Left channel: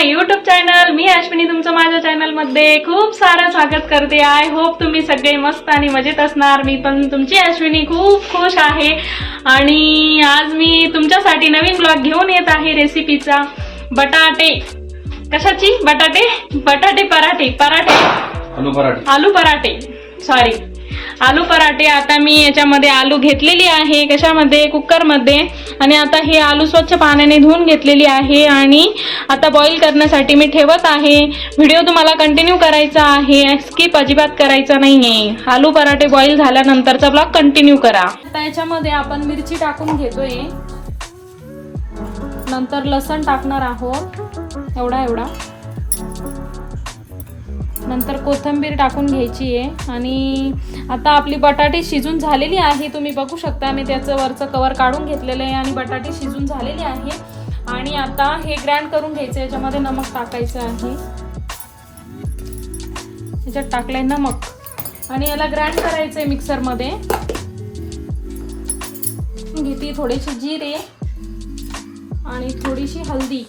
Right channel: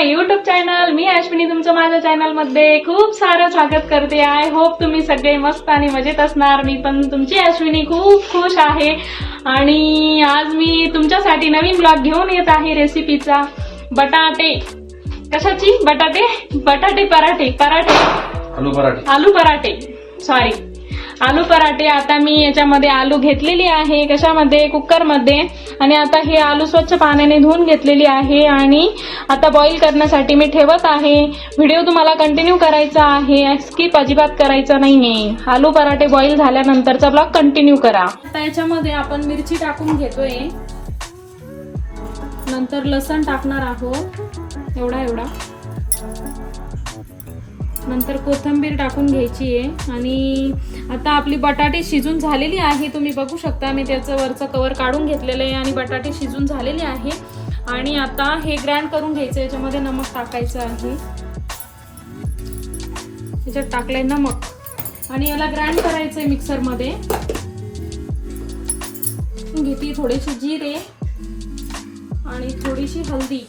माय YouTube channel मी अश्विनी तुमचं माझ्या चॅनलमध्ये खूप सारं स्वागत करते. आय होप तुम्ही सगळे मस्त आणि मजेत असणार. मी पण तुमची अश्विनी खूप खुश आहे. आणि आज मी तुमच्यासाठी नवीन ब्लॉग घेऊन येत आहे रेसिपीचा बटाटे. कशाची? बटाटे? बटाटे पराठे. पराठे. आलू पराठे. आलू पराठे. सॉरी आलू पराठे आता मी याच्यामध्ये आलू घेतलेली आहे कशामध्ये? कुकरमध्ये. आणि आता हे आलू स्वच्छ पाण्याने धुवून घेतलेली आहे आणि आता बॉईल करण्यासाठी मी ठेवत आहे. व्हिडिओ तुम्हाला कंटिन्यू करायचा आहे. स्किप अजिबात करायचा नाही आहे आलू पराठे बॉईल झाल्यानंतरचा ब्लॉग कंटिन्यू करा. आता याच्यामध्ये आपण मिरची टाकून घेतोय. नंतर लसण टाकणार आहोत. एवढा एवढा. नंतर कोथिंबीर टाकून घ्यायची आहे. आणि आता आपली बटाटे शिजून झालेली आहे. तुम्ही बघू शकता मी त्याचं वरचं कवर काढून घेतलेलं आहे आणि बटाटे शिजून झालेले आहे. आणि आता हे ग्राइंड करून घ्यायचं याच्यामध्ये नमक टाकायचं आहे. याच्यात टाकलंय नमक. आणि याला ग्राईंड करायचं आहे मिक्सरमध्ये. घेते थोडेसे जिरे आणि थोडीशी हल्दी.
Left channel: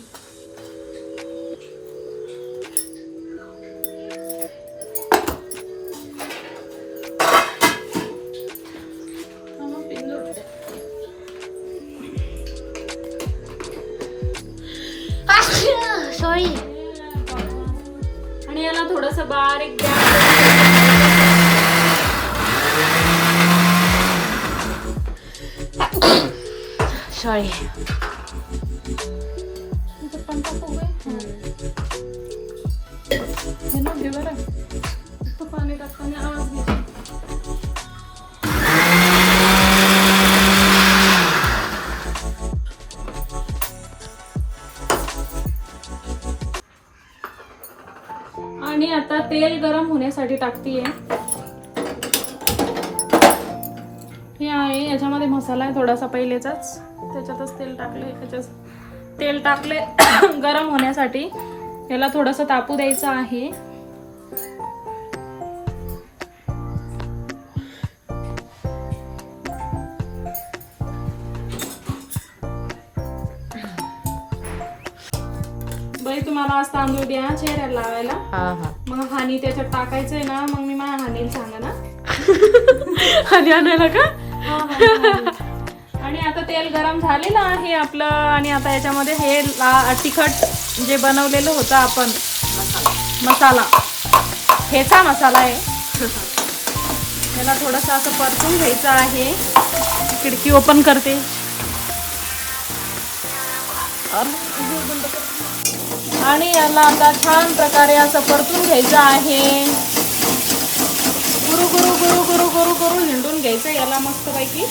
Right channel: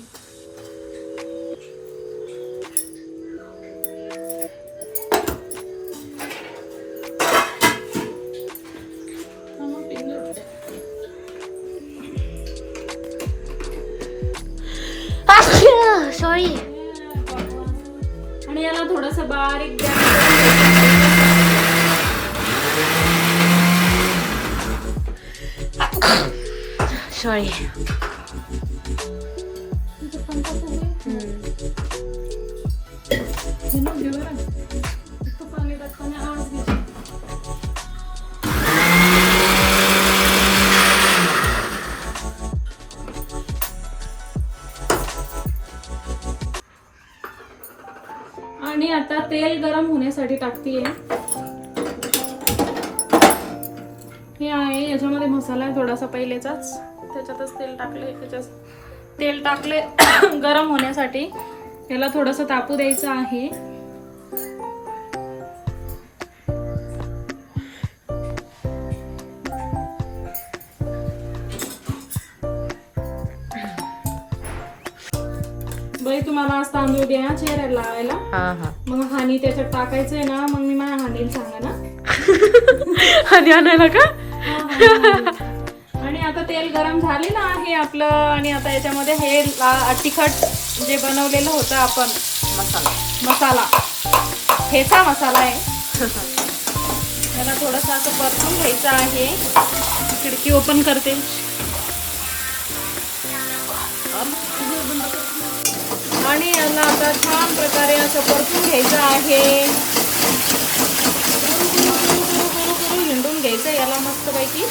सॉरी आणि आता तेल गरम होण्यासाठी टाकतीये. हे आहे याच्यामध्ये मसाला आहे थोडासा पहिलेचाच. त्याच्यातच तेल टाकले त्याच्यात तेल टाकले गरम होण्यासाठी. याला थोडंसं तापू द्यायचं आहे. बाई तुम्हाला आज तांदूळ द्या चेहऱ्याला लावायला. हा हा. मग हानी त्याच्यात टाकायचंय ना मग मी माझ्या हानीला सांगा ना आणि आणायला का? हो, हो, हो. आता तेल गरम झालेलं आहे आपलं आणि आता याच्यामध्ये हे तिखट जे बनवलेलं होतं आपण मसाला मसाला ठेचा मसाला आहे त्याला थोडंसं असं परतून घ्यायचं आहे खिडकी ओपन करते आणि याला आता छान प्रकारे असं परतून घ्यायचं आहे गुरु गुरु गुरु गुरु गुरु गुरु हिंडून घ्यायचं याला मस्तपैकी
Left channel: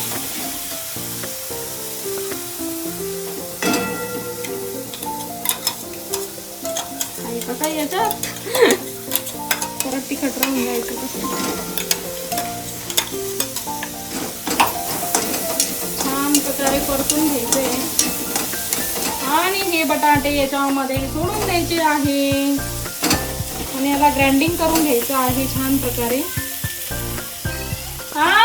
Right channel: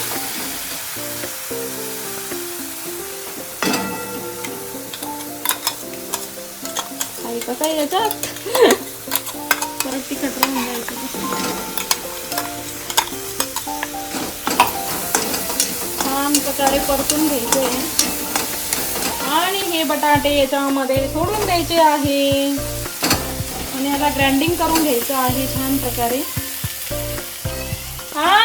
कसं आहे याच्यात परत तिखट राहून जायचं छान प्रकारे परतून घ्यायचे. आणि हे बटाटे याच्यामध्ये सोडून द्यायचे आहे. आणि याला ग्राइंडिंग करून घ्यायचं आहे छान प्रकारे. हा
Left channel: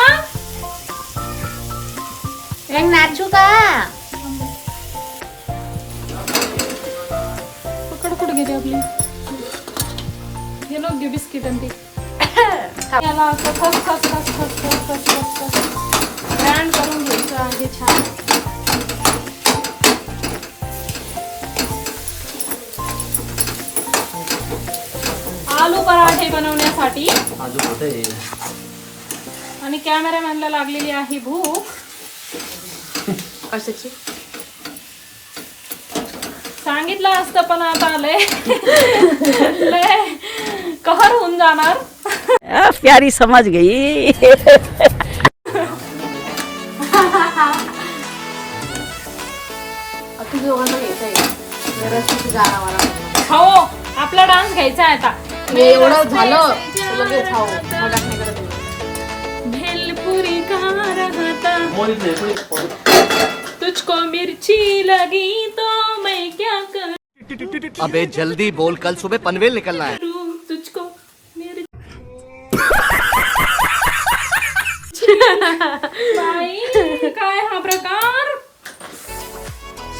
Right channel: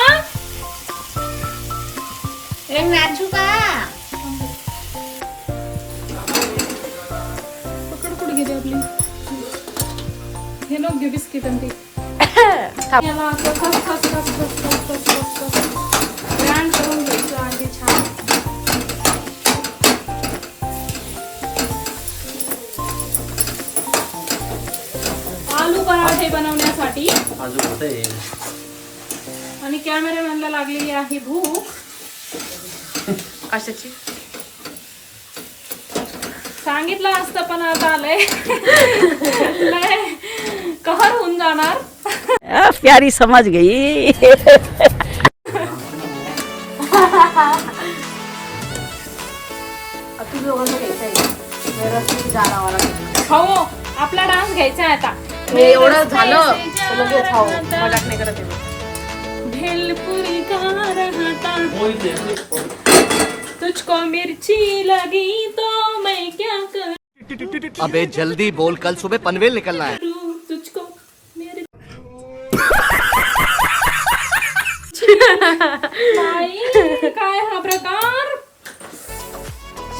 नाचू का? कुकड कुठे घेते आपली. लोक घे बिस्किट आणि ते. याला असं खस खस खस खस खस खस खस खस. ग्रँड करून घ्यायचं आहे छान. आलू पराठे बनवण्यासाठी. आलू कुठे आणि कॅमेरामॅनला लागलेली आहे भूक. कशाची? सांगितलं असतं पण आता आलंय लय प्यारी समझ गई। हो आपला डान्स घ्यायचा आहे आता. हे एवढं झालं तर लगेच खाऊ मजाक नाही करत आहे. भेलपुरी का रहता? तुझको मिर्ची लगी तो मैं क्या करूं अबे जल्दी बोल कल सुबह पनवेल निकलना है। काय हा प्रकार?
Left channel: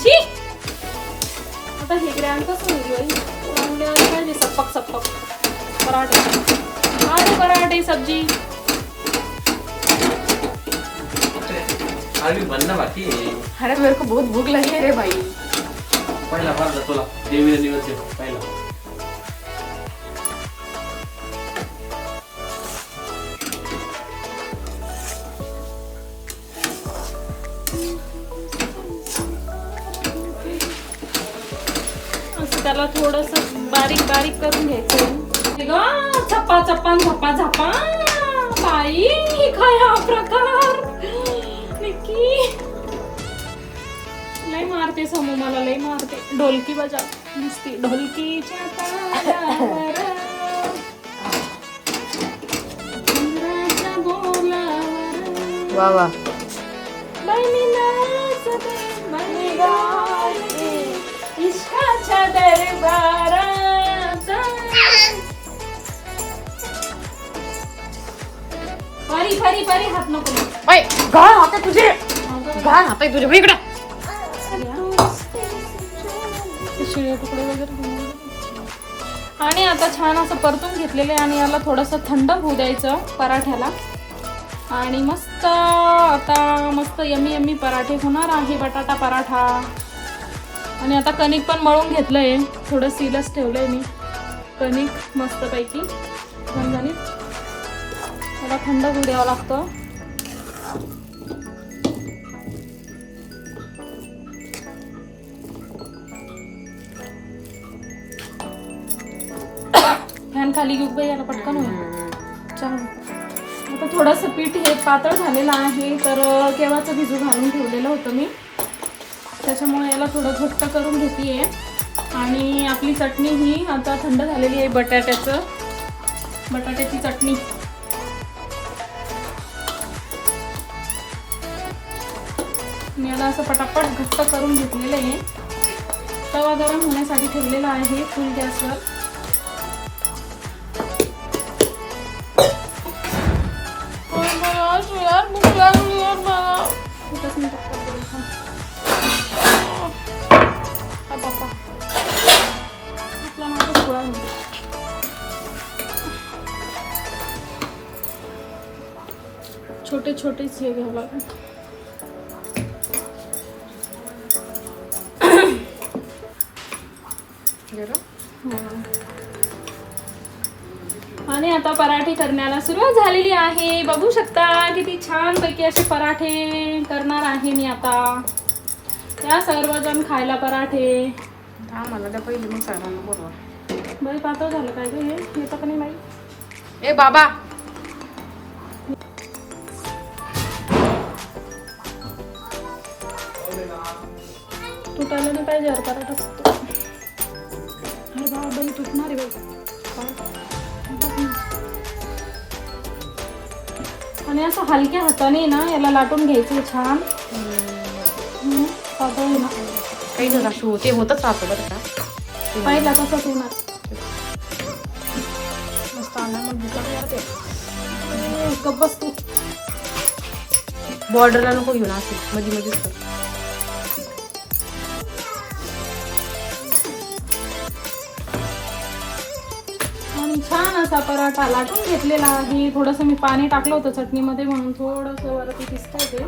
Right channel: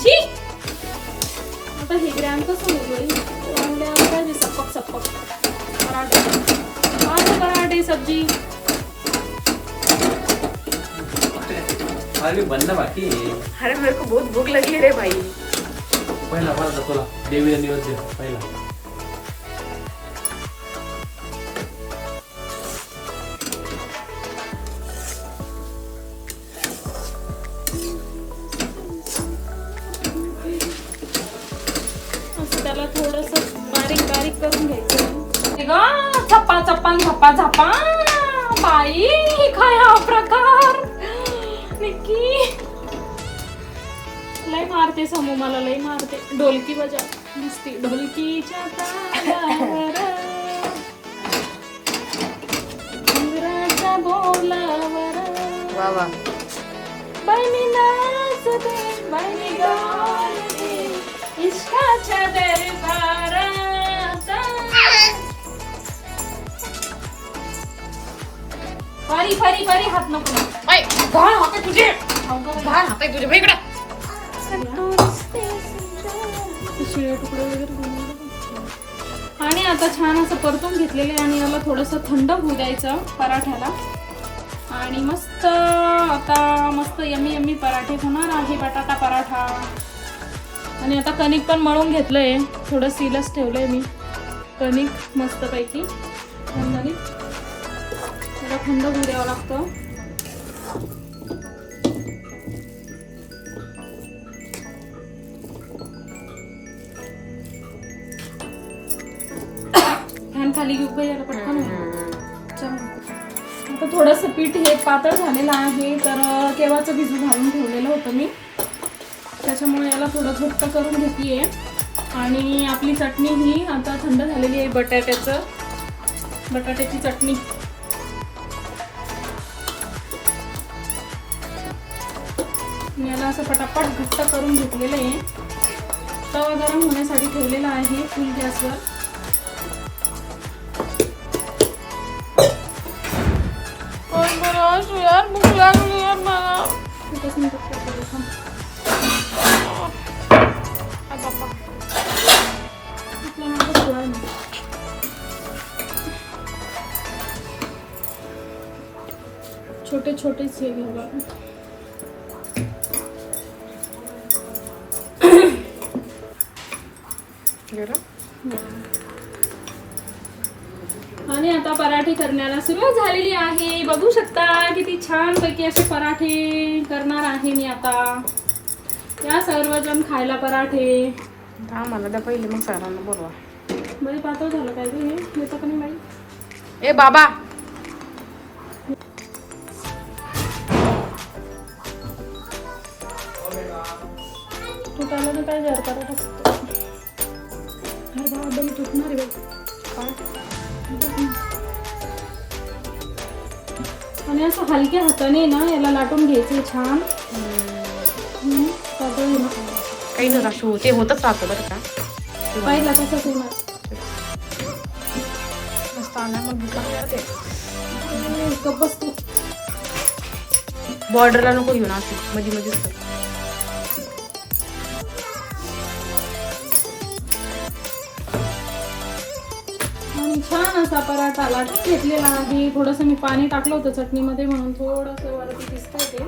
शी आता हे ग्रँड कसं होईल पाहिजे सप्पक सप्पक पराठे। आलू पराठे सब्ज़ी। अरे बनना बाकी आहे. अरे मेरे को बहुत भूख लगी रे भाई। पहिला माझा तुला देवीचा दिवस आहे पहिला। त्याला थोडस बारीक बारीक करून घ्यायचं. ग झपा झप्पा झप्पा बाई काय हा प्रकार? निकी लय मारते समू मला लय मारते. ढोलकी बजा. नुसती ढोलकीच्या हात नको. ऐ घाण हाते तुझे. घाण हाते तुझे. बघ इकडे. शिळे तुकडे वगैरे बनवले. आणि आता छान असं परतून घेतलेलं आहे आणि याला थोडंसं थंड होऊ द्यायचं पराठ्याला. आणि मस्त आता मस्त यमी यमी पराठे होणार आहे बटाटा पराठा. आणि आता कणिक पण मळून घेतलं आहे थोडं सीलच ठेवलं आहे मी. कणिक मस्तपैकी. त्याला थंड होऊ द्यावं लागतं. फॅन खाली घेऊ गं याला पटकन. होईल. चल. आता थोडंसं पीठ हे पातळ झालेलं आहे तर केव्हाचं भिजू घालून ठेवलेलं होतं मी. त्याच्यामुळे याला थोडं घट्ट करून घेते आणि आपली चटणी ही आता थंड झालेली आहे बटाट्याचं. बटाट्याची चटणी. असं पटापट घट्ट करून घेतलेलं आहे. तवा गरम होण्यासाठी ठेवलेला आहे फुल गॅसवर. यार यार मला छोटे छोटेच हे घ्यावं आणि आता पराठे करण्याला सुरुवात झालेली आहे. बघू शकता किती छान पैकी असे पराठे करणार आहे मी आता. या सर्वजण खायला पराठे. आम्हाला द्या पहिले मग सरांना बोलवा. बाई पातळ झालं काय हे? येतं का नाही बाई? ए बाबा! हलक्या हाताने ना याला लाटून घ्यायचं छान. हम्म, पातळ. काही जरा शो ते होतच राहतं बरं का. पाहिला कसा मस्त आला मग गप्प बसतो बॉर्डरला नको घेऊन असं मध्ये मध्येच कर. छान असा पराठा लाटून घेतलेला आहे. थोडंसं मी पाणी टाकलं होतं चटणीमध्ये म्हणून थोडंसं वरती दिसतंय ते.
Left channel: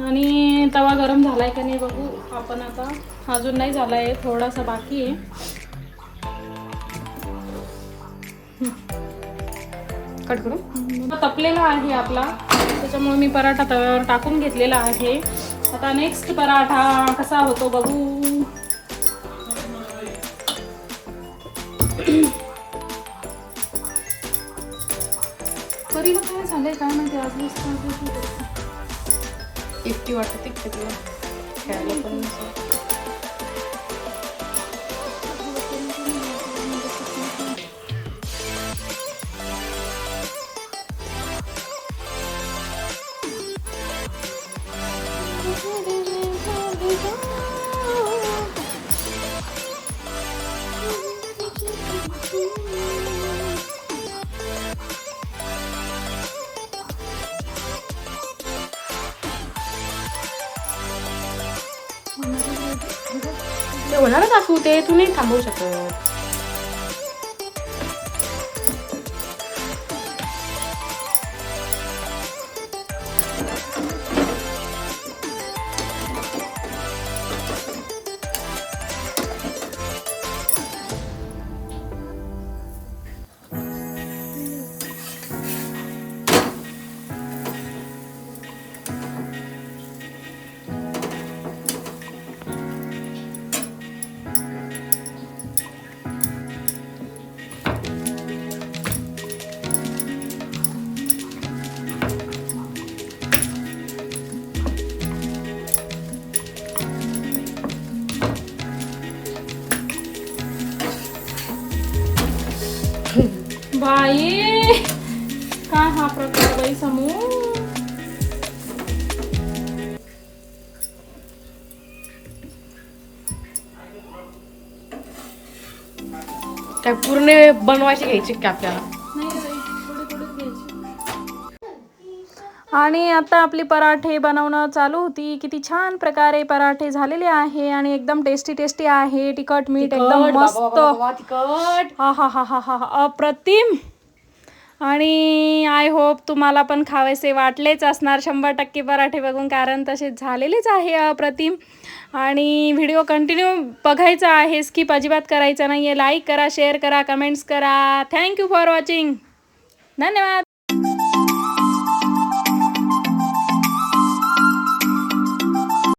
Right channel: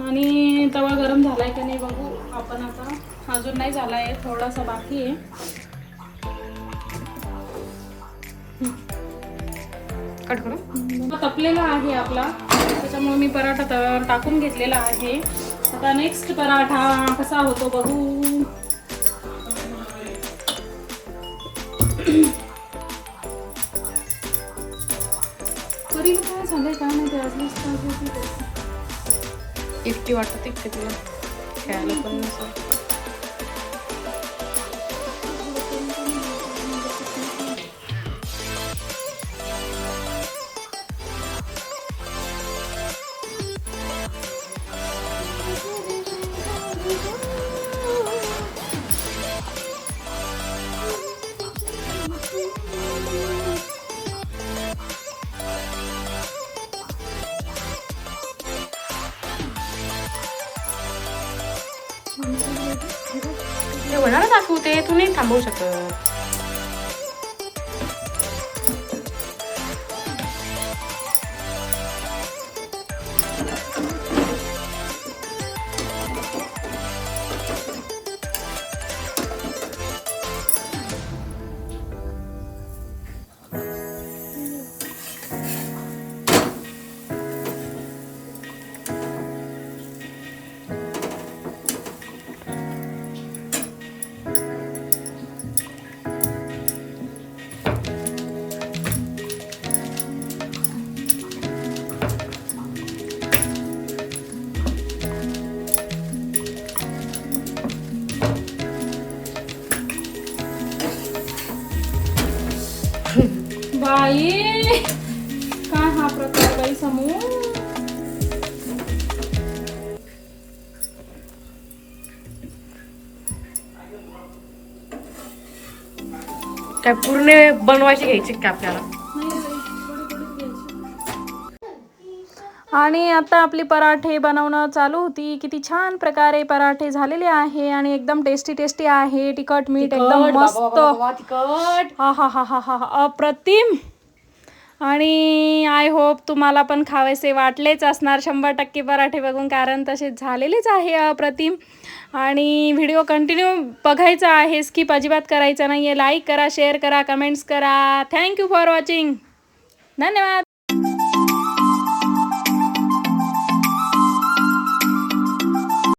आणि तवा गरम झालाय का नाही बघू आपण आता. अजून नाही झालाय थोडासा बाकी आहे. कट करू? तपलेला आहे आपला. त्याच्यामुळे मी पराठा तव्यावर टाकून घेतलेला आहे. आता नेक्स्ट पराठा कसा होतो बघू. इतकी वाटत इतके तुला खेळायला पण नसं. ते होणार दाखवते तू नाही थांबवू शकत. काय पूर्ण बनवायची घ्यायची का आपल्याला? आणि आता आपली पराठे बनवणं चालू होती. किती छान प्रकारे पराठे झालेले आहे आणि एकदम टेस्टी टेस्टी आहे. तिखट मीठ एकदम मस्त. हा हा हा हा हा हा. अप्रतिम. आणि आय होप तुम्हाला पण खावेसे वाटलेच असणार. शंभर टक्के पराठे बघून कारण तसेच झालेलेच आहे अप्रतिम आणि व्हिडिओ कंटिन्यू बघायचा आहे स्किप अजिबात करायचा नाही आहे लाईक करा शेअर करा कमेंट्स करा. थँक्यू फॉर वॉचिंग धन्यवाद.